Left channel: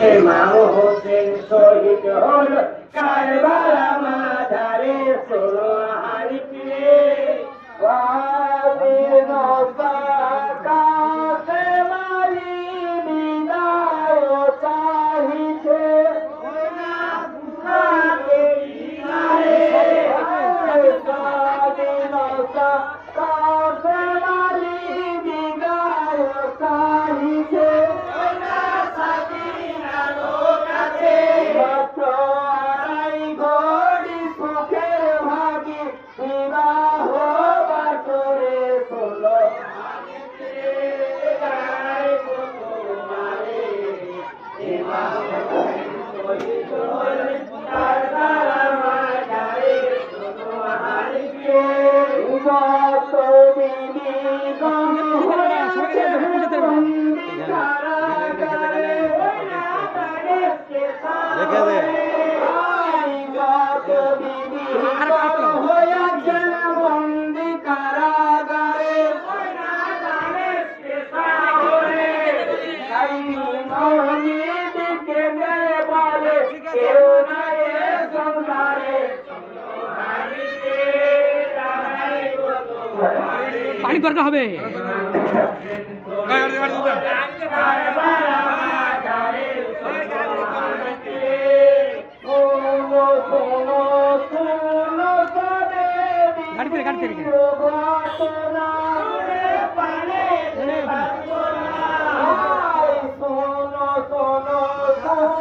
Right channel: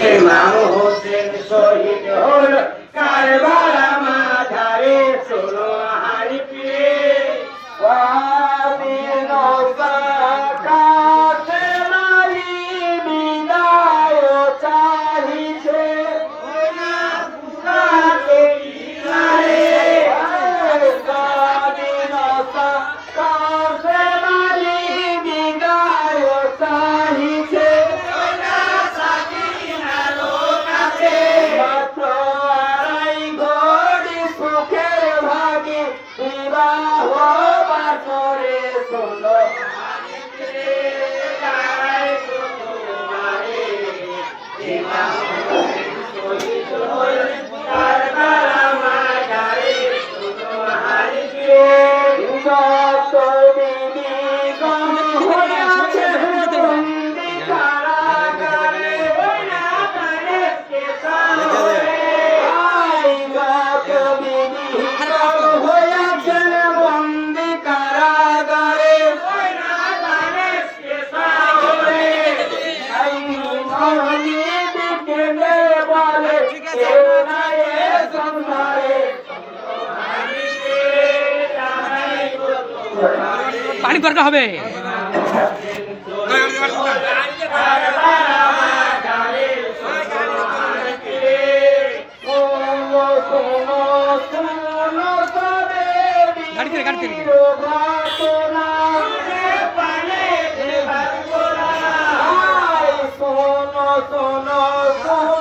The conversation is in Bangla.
ইমাম হোসেন শহীদ হল কারবালা মাঝারে শোনো হারি প্রিয়ে ওয়াদিনসা কাসেমালি বিদায় চাহিছে ওই না পুরাকে কিনারে ওয়াদিনসা কাসেমালি বিদায় চাহিছে ওই না সাকিনার কাছে মাত্র আড়াই ঘড়ি সুখের ভাগি বিবাহ বাসরে শোনো পানি দরকার হবে গাড়িতে গাড়িতে সোনো সোনো